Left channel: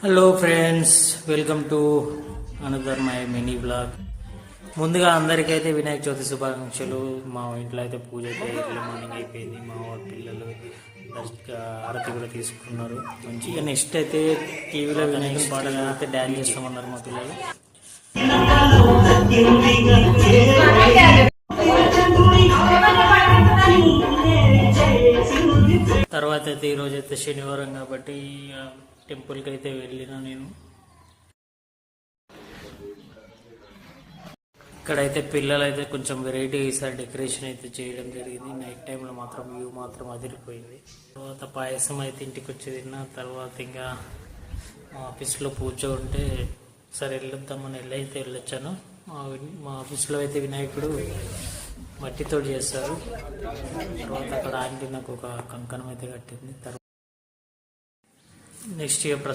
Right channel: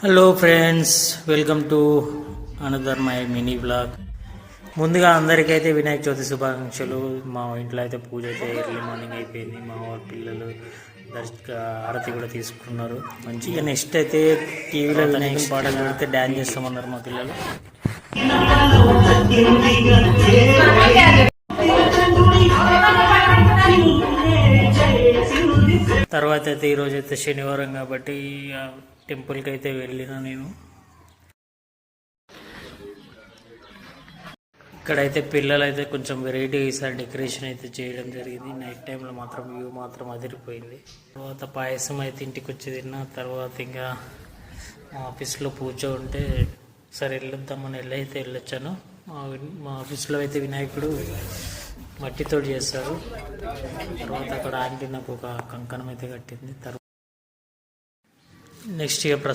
Hello friends, welcome to another my mini blog. ముందుగా అందరికైతే వినాయక చవితి శుభాకాంక్షలు. మా ఇంట్లో అయితే పూజ అయితే ఎర్లీ మార్నింగ్ అయిపోయింది. మా పిల్లలు ఆరతి కూడా తీసుకున్నారు మంచిగా. నెక్స్ట్ అయితే టీవీలో వినాయకుని పాటలు అయితే డ్యాన్స్ చేస్తామన్నారు మా పిల్లలు. తర్వాత అయితే ఈరోజు అయితే శనివారం కాబట్టి టెంపుల్కి అయితే వెళ్ళిన నేను. ఇక్కడైతే పిల్లలు అయితే కొంచెం వెరైటీ ఈసారి డెకరేషన్ అయితే చేయడం జరిగింది. నైట్ టైంలో మాత్రం వ్యూ మాత్రం అదిరిపోయింది. తర్వాత పాయసం అయితే ఇంటికి వచ్చి తిన్నా. తర్వాత ఇంకా మా ఆఫీస్లో పూజ ఉంటే సరే వెళ్ళొద్దామని వెళ్ళొచ్చాను. మా ఆఫీస్లో అయితే వినాయకుడు మట్టితో చేస్తారు. తర్వాత అక్కడ ఆంటీ నాకు ఒక కంకణం అయితే కట్టింది. తర్వాత నెక్స్ట్ ఇక